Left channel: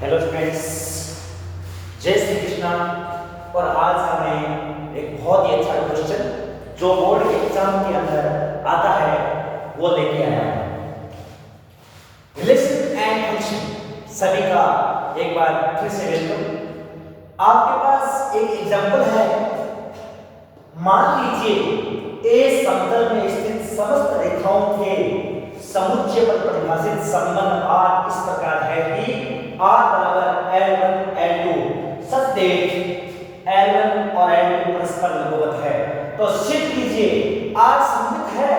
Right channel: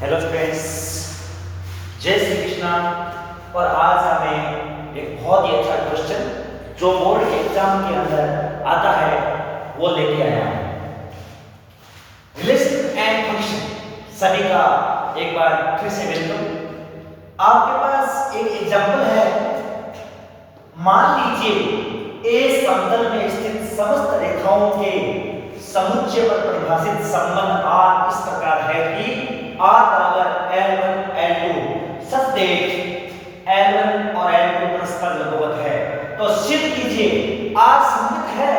Hello students, जय श्री कृष्णा। और आज हमें एक बहुत ही अच्छा क्वेश्चन जो बोर्ड के एग्जाम के अंदर आता है वो लेके आया हूं। रिलेशन एंड फंक्शन सभी का एक बार फिर से वेलकम। आपके पास एक एग्जांपल है। मान लीजिए ए समतल में स्थित समस्त रेखाओं के समुच्चय पर परिभाषित संबंध R इस प्रकार है कि R बराबर L1 L2 such that L1 और L2 परस्पर लंबवत है। तो सिद्ध कीजिए R सममित है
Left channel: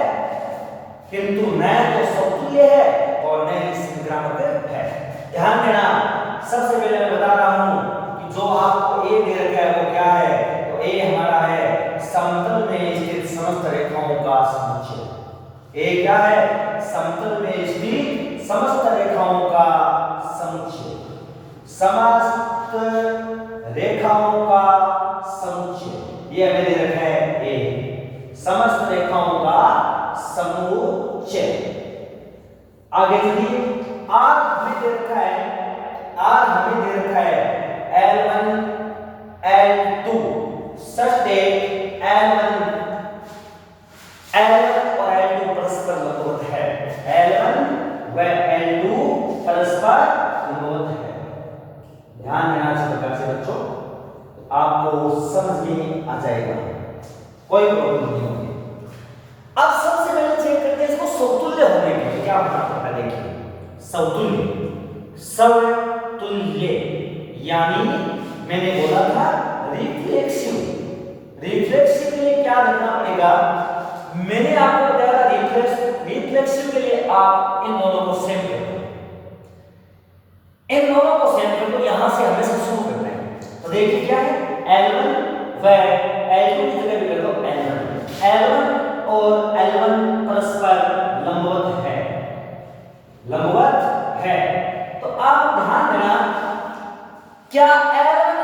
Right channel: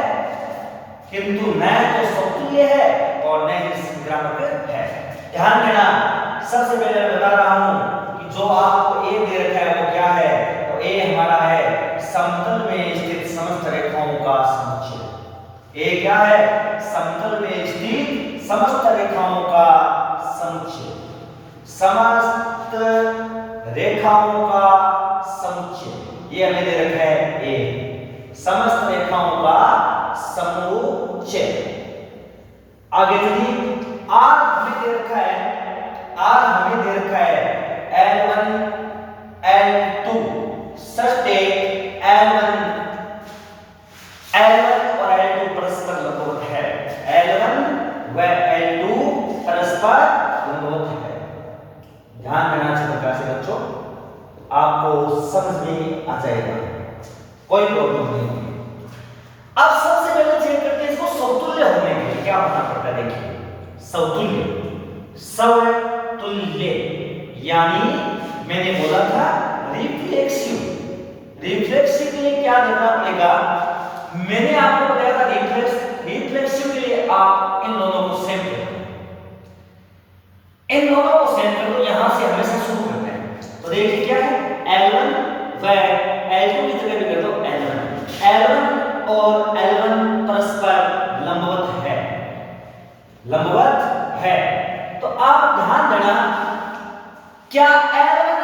किंतु न तो समतुल्य है और न ही संक्रामक है। ध्यान देना, सबसे पहले मैं बता रहा हूं कि जो आपको A दे रखा है वो क्या है। तो A हमारा है समतल में स्थित समस्त रेखाओं का समुच्चय। A क्या है? समतल में स्थित समस्त रेखाओं का समुच्चय। समस्त रेखाओं का समुच्चय ये हमें दे रखा है A, समस्त रेखाओं का समुच्चय। आगे चलिए, R हमें दे रखा है, R हमें दे रखा है L1 L2 such that L1 और L2 परस्पर लंबवत है। L1 व L2 परस्पर लंबवत है। ध्यान देना अच्छी प्रकार से बच्चों, आपको समझ में आ जाएगा, कोई प्रॉब्लम नहीं होगी। अब सबसे पहले चेक करते हैं इसको समतुल्य होने के लिए क्या होना पड़ता है। देखिए, समतुल्य यानी मैंने बोला था रिफ्लेक्सिव। रिफ्लेक्सिव के लिए क्या देखना पड़ेगा? मैंने आपको बताया था रिफ्लेक्सिव के लिए आप इन दोनों को सेम कर दो। इन दोनों को सेम कर दो, यहां से हमेशा शुरू करना है। तो देखिए क्या है, L1 व L2 की जगह पे कर दो L1 और L1 परस्पर लंबवत है। लंबवत है तो आप ध्यान देना, क्या L1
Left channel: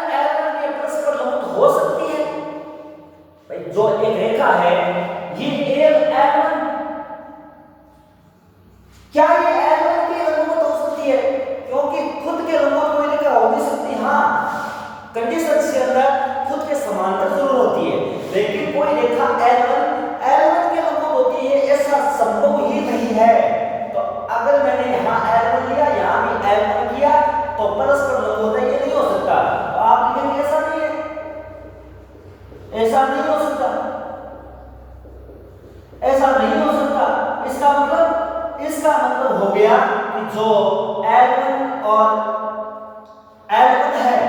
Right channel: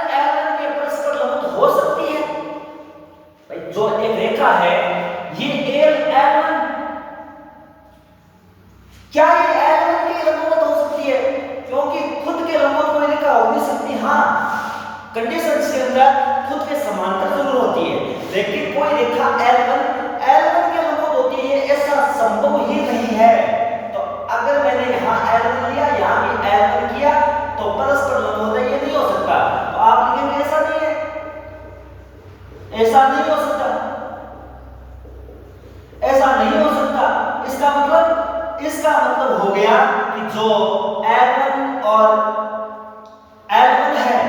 के परस्पर लंबवत हो सकती है? भाई जो एक रेखा है ये L1, क्या ये L1 की लंबवत हो सकती है? क्योंकि खुद के लंबवत कोई रेखा हो नहीं सकती। हाँ, कंडीशंस के अंदर खुद के समांतर जरूर होती है, लेकिन कोई रेखा L1 के लंबवत होती है ऐसा संभव ही नहीं है। तो अगर मैंने यहाँ L1 लिया, यहाँ भी L1 किया तो परस्पर लंबवत है, ये नहीं हो सकता। तो आप लिखेंगे ऐसा नहीं है, ऐसा नहीं हो सकता, ऐसा नहीं हो सकता। इसका मतलब हो गया कि जो L1 और L1 है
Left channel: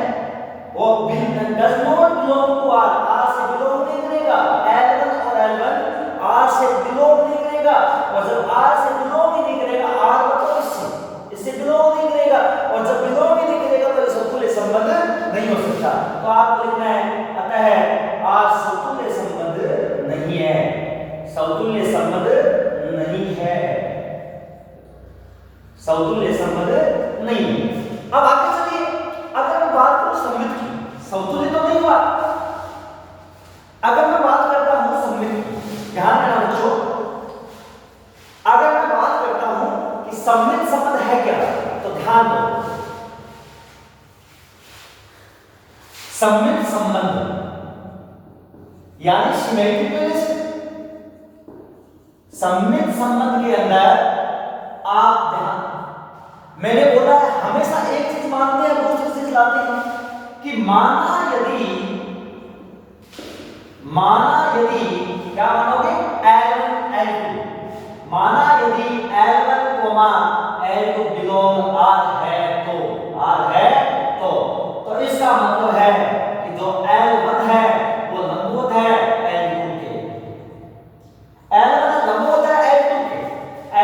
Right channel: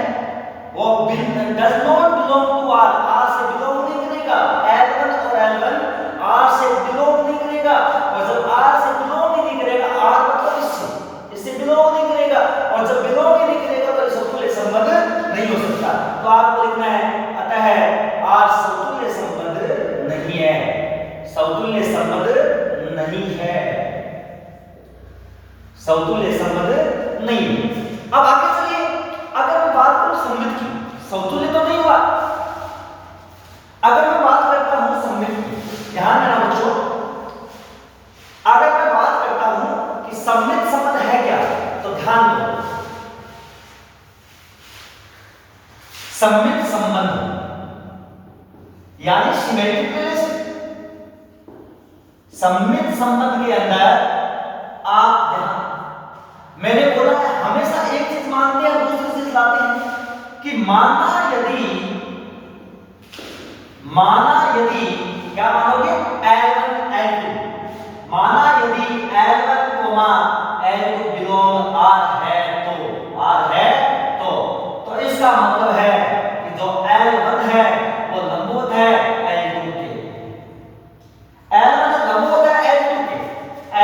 वो does not belong to R से बिलोंग नहीं करेगा। L1 और L1 R से बिलोंग नहीं करेगा, और जब R से बिलोंग ही नहीं करेगा, R मतलब इससे बिलोंग नहीं करेगा, और जब बिलोंग ही नहीं करेगा तो समतुल्य संबंध नहीं हो सकता। तो आपको लिखना है अतः R समतुल्य संबंध नहीं है, समतुल्य संबंध नहीं है, समतुल्य संबंध नहीं। अब आगे चलिए, अगर मैं बात करूं सममित की, समतुल्य तो नहीं हुआ। अगर मैं बात करता हूं सममित की, ध्यान देना बच्चों, अगर मैं बात करता हूं कि सममित संबंध है क्या, तो ध्यान दो, सममित संबंध यानी सिमेट्रिक रिलेशन। सममित संबंध के अंदर आप ध्यान, मैंने बोला है हमेशा एक चीज मानते हैं दूसरी चीज लाते हैं कि माना यदि क्या मानोगे L1 L2, माना यदि L1, L2 बिलोंग R है तो इसका मतलब है कि जो L1 है वो लंबवत है L2 के, L1 लंबवत है L2 के,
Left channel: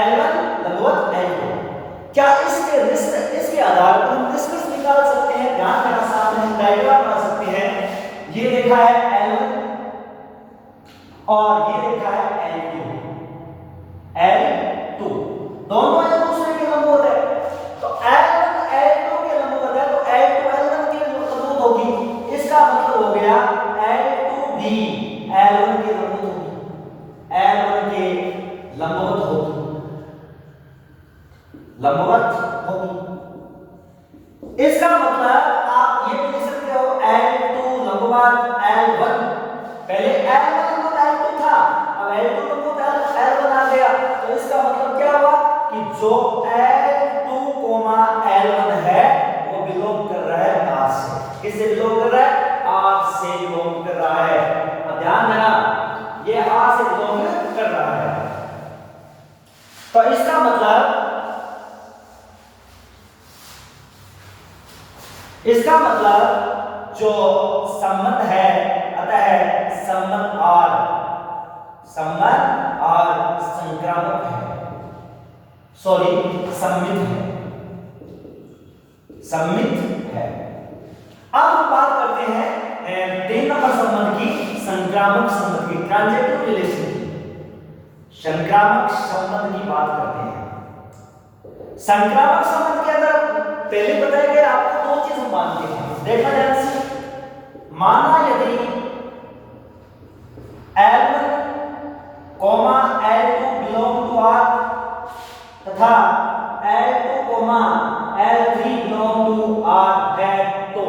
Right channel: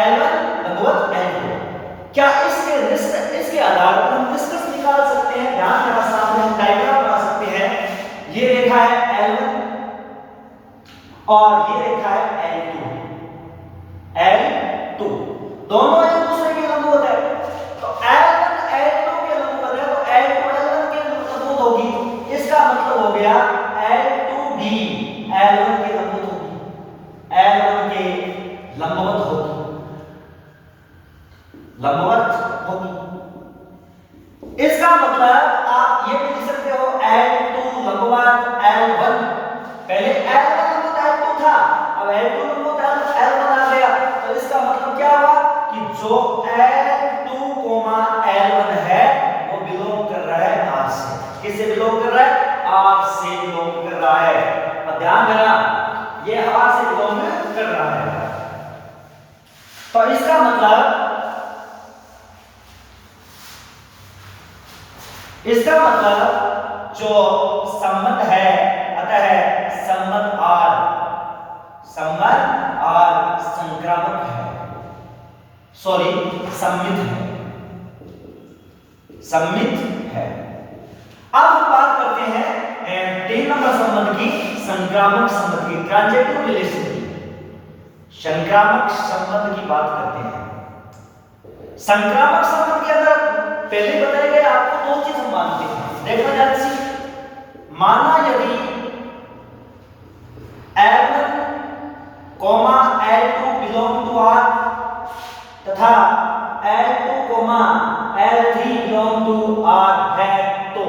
L1 लंबवत L2। क्या इसके आधार पर हम निष्कर्ष निकाल सकते हैं? ध्यान देना, सामने हम डायग्राम बना सकते हैं। ये रेखा है L1 और ये रेखा है L2 दोनों एक दूसरे के लंबवत है। तो L1 L2 के लंबवत है तो L2 L1 के लंबवत होगी। इसका मतलब हो गया L2 भी L1 के लंबवत होगी, L1 के लंबवत होगी, लंबवत होगी। इसका मतलब आप ये भी लिख सकते हो L2 लंबवत L1। पहले L1 लंबवत L2 था, अब L2 लंबवत L1 आ गया, तो इसका मतलब क्या हुआ कि जो L2, L1 है वो बिलोंग कर रहा है R से। किससे बिलोंग कर रहा है? R से बिलोंग कर रहा है। अब ध्यान देना, ये R से बिलोंग कर रहा है, तो इसका मतलब जो संबंध है, अतः संबंध R संक्रामक है, सॉरी सम्मित है। अब हम बात करते हैं 3 नंबर संबंध की, संक्रामक संबंध की, ट्रांजिटिव रिलेशन की। संक्रामक संबंध की बात करते हैं। संक्रामक संबंध के अंदर पहले बताया गया आपको 2 चीज हम मानते हैं, देखना ध्यान से। माना यदि L1, L2 belong to R तथा L2, L3 belong to R है, तो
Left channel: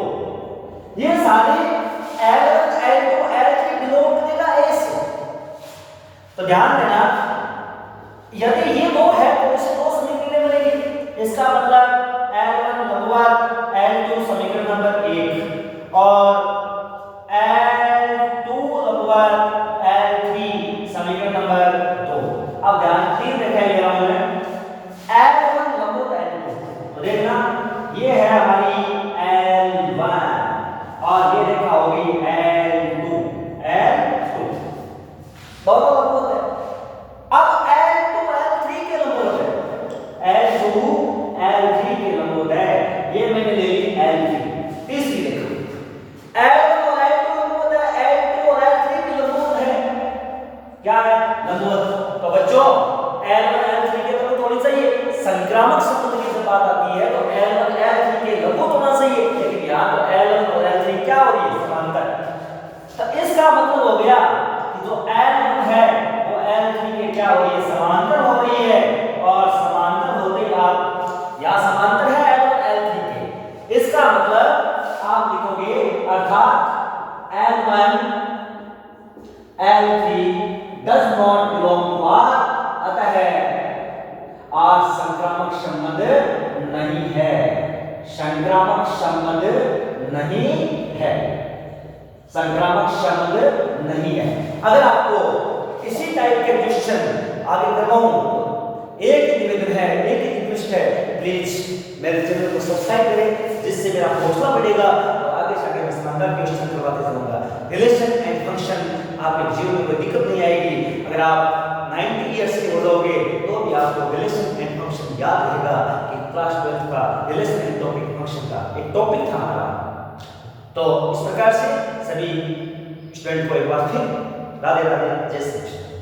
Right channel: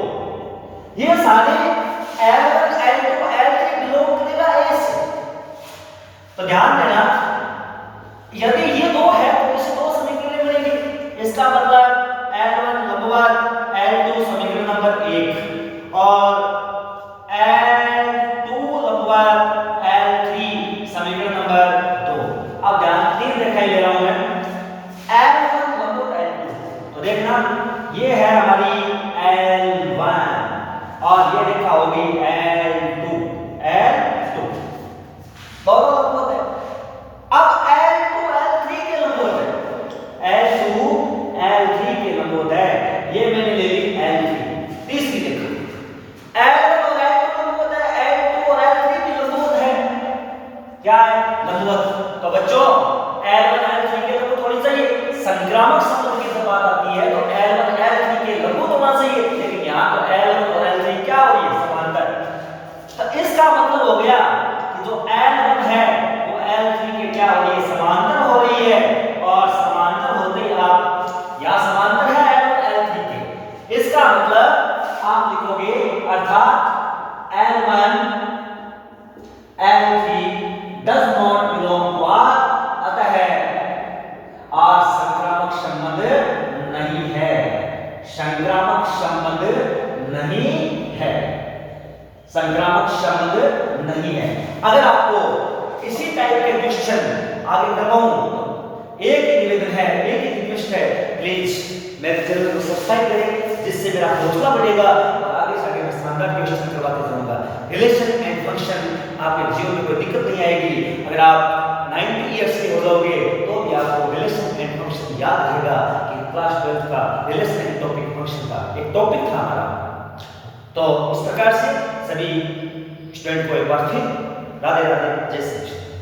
ये सारे L1, L2, L3 belong करेगा A से। तो ध्यान देना, यदि ये 2 है तो इसे 2 समीकरण मिलेंगे। इसका मतलब L1 लंबवत L2 समीकरण नंबर 1 और L2 लंबवत L3 समीकरण नंबर 2। अब ध्यान 3 दिखाई दे रहा हूं मैं, L1 लंबवत L2, तो देखना ये है हमारी L1 और ये देखा होगी L2 दोनों लंबवत है। अब L2 L3 के लंबवत है, L2 L3 के लंबवत है, ये मैंने ले ली L3। तीसरी देखो, L1 और L2 लंबवत है, L2 और L3 भी लंबवत है, क्या है? लंबवत। तो बच्चों L1 L3 के लंबवत होनी चाहिए। संक्रामक संबंध की जब बात आती है तो L1 L3 के लंबवत होना चाहिए, लेकिन यहाँ तो L1 और L3 क्या हो रही है? समांतर। तो इसका मतलब हो गया कि जो L1 है वो L3 के क्या हो रही है? समांतर हो रही है, और समांतर होते ही आप या समांतर है L1 L3 के, इसका मतलब आप लिखोगे अर्थात L1 L3 does not belong to R, अतः R संक्रामक संबंध नहीं है, संक्रामक संबंध नहीं है, संक्रामक संबंध नहीं है। अगर आपको इसी टाइप के क्वेश्चन आगे करवाऊं, एक ही निवेदन है, एक ही रिक्वेस्ट है, प्लीज मेरे चैनल को सब्सक्राइब करें, जिससे मेरा हौसला बढ़ेगा और आगे से आगे मैं शानदार क्वेश्चन करवाते जाऊंगा। रिलेशन एंड फंक्शन आपके जीवन में कोई दिक्कत नहीं आएगी। अगर आप 90 इयर्स के हो जाओगे तो भी आपको रिलेशन एंड फंक्शन याद रहेगा कि क्लास 12 का रिलेशन एंड टॉपिक फंक्शन का एक टॉपिक था हमारा। तो इस प्रकार से सभी स्टूडेंट को एक बार फिर राधे राधे, जय श्री कृष्ण।